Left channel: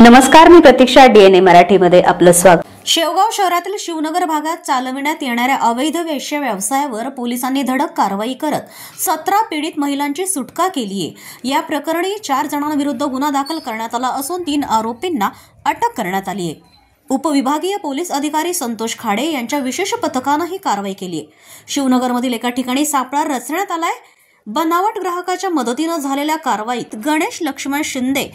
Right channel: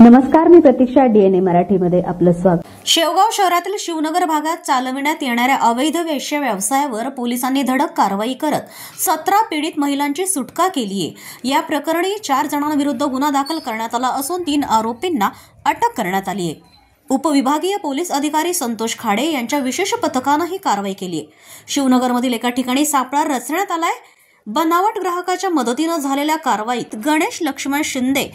नमस्कार, मी प्रतीक्षा. DNA मराठीमध्ये आपलं स्वागत. शेवगाव शहरातील शिवनगर भागात चालविण्यात येणाऱ्या अवैध वेश्या व्यवसायावर पोलिसांनी धडक कारवाई करत 17 पीडित महिलांची सुटका केली आहे. या प्रकरणी 4 जणांविरुद्ध गुन्हा दाखल करण्यात आला असून 3 आरोपींना अटक करण्यात आली आहे. उपविभागीय पोलीस अधिकारी संतोष खाडे यांच्या विशेष पथकानं ही कारवाई केली आहे. शिवनगरमधील एका ठिकाणी सापळा रचण्यात आलाय. बनावट ग्राहकाच्या मदतीनं झालेल्या कारवाईत गणेश लक्ष्मण शिंदे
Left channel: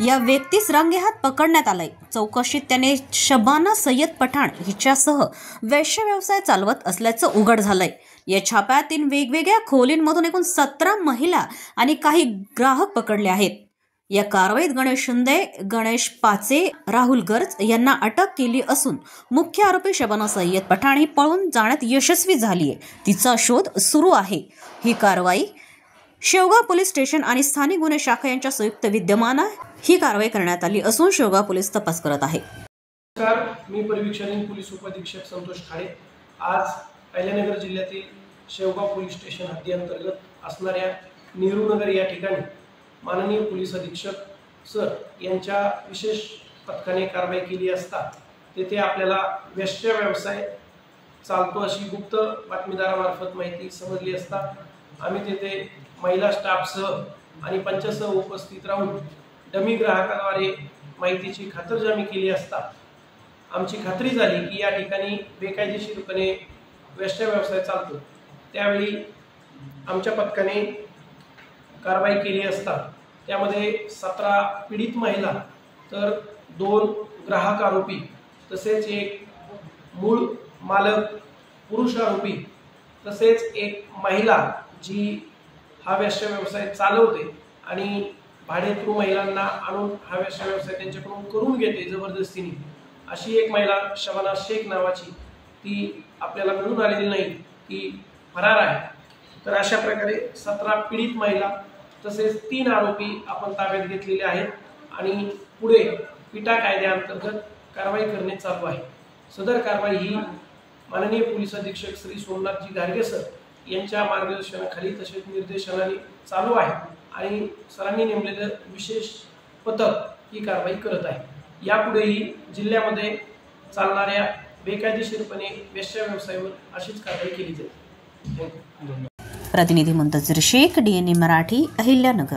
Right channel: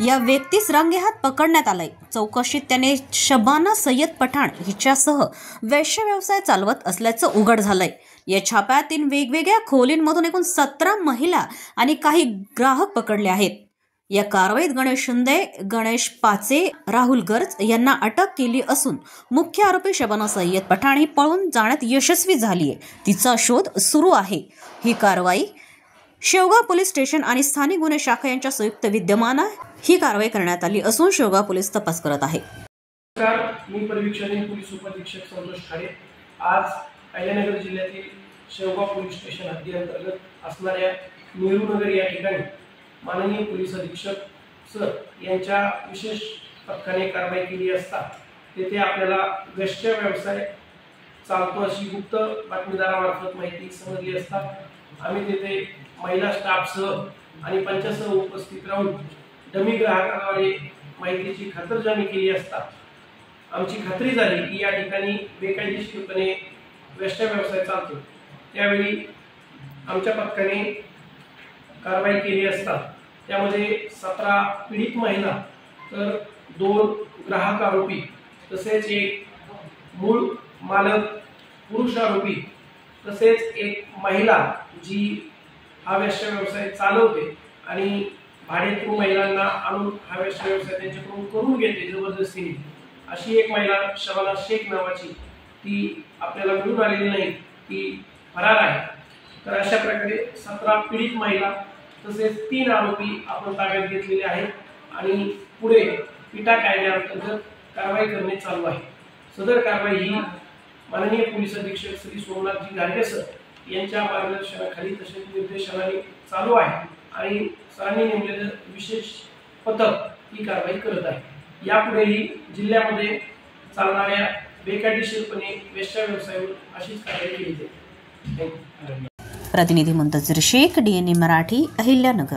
या व्यक्तीस रंगेहात पकडण्यात आलाय. चौकशीत त्याने शबाना सय्यद पठाण हिच्यासह वेश्या व्यवसाय चालवत असल्याचं उघड झालंय. या छाप्यात 3 वेगवेगळ्या खोलींमधून एकूण 17 महिला आणि काही ग्राहक पकडले आहेत. या कारवाईत गणेश शिंदे, गणेश पाचे, राहुल गर्ज यांना अटक केली असून मुख्य आरोपी शबाना सय्यद पठाण ही पळून जाण्यात यशस्वी झाली आहे. तिचा शोध सुरू आहे. ही कारवाई शेवगाव पोलीस स्टेशन आणि स्थानिक गुन्हे शाखा यांच्या संयुक्त विद्यमानं ही कारवाई करण्यात आली असून शेवगाव पोलीस तपास करत आहे. नमस्कार, मी परिवीक्षण पोलीस उपअधीक्षक संतोष खाडे. आज अहिल्यानगर जिल्ह्यातील शेवगाव पोलीस स्टेशन हद्दीअंतर्गत असणाऱ्या नेहरूनगर या ठिकाणी माननीय पोलीस अधीक्षक सर यांच्या विशेष पथकाने कारवाई केली असता तेथे आपल्याला वेश्या व्यवसाय चालतो अशी गुप्त बातमीदारामार्फत माहिती समजली असता आम्ही तेथे महिला स्टाफसह आणि पंचासह उपस्थित राहून डमी ग्राहकाद्वारे माहितीची खातरजमी केली असता आमची खात्री झाली की या ठिकाणी बेकायदेशीरपणे वेश्या व्यवसाय चालतो. त्यावेळी आमच्या पथकाने कारवाई केली असता त्यामध्ये 17 पीडित महिला तर 2 ग्राहक आरोपी तसेच एक मूळ मालक पुरुष आरोपी तसेच एक महिला जी हा वेश्या व्यवसाय चालवते आणि भाडेकरू महिलांना आणून हा वेश्या व्यवसाय त्यांच्याकडून करून घेते जबरदस्तीने, अशी एक महिला शबाना शेख नावाची ती आपल्याला मिळून आलेली नाही, ती फरार आहे. तर अशा प्रकारे 17 पीडित महिला तसेच 3 आरोपी आपण ताब्यात घेतलेले आहेत आणि पुढे पिटा कायद्याअंतर्गत कारवाई करणे चालू आहे. सदर कारवाई ही माननीय पोलीस अधीक्षक श्री सोमनाथजी गार्गे सर यांच्या मार्गदर्शनाखाली तसेच निर्देशनाने चालू आहे आणि सरांनी नेमलेलं विशेष पथक ही कारवाई करत आहे. यापुढेही जिल्ह्यामध्ये चालणाऱ्या बेकायदेशीरपणे वेश्या व्यवसायावर अशीच कारवाई केली जाईल. प्रतिनिधी मुंतजर शेख, DNA मराठी, अहिल्यानगर.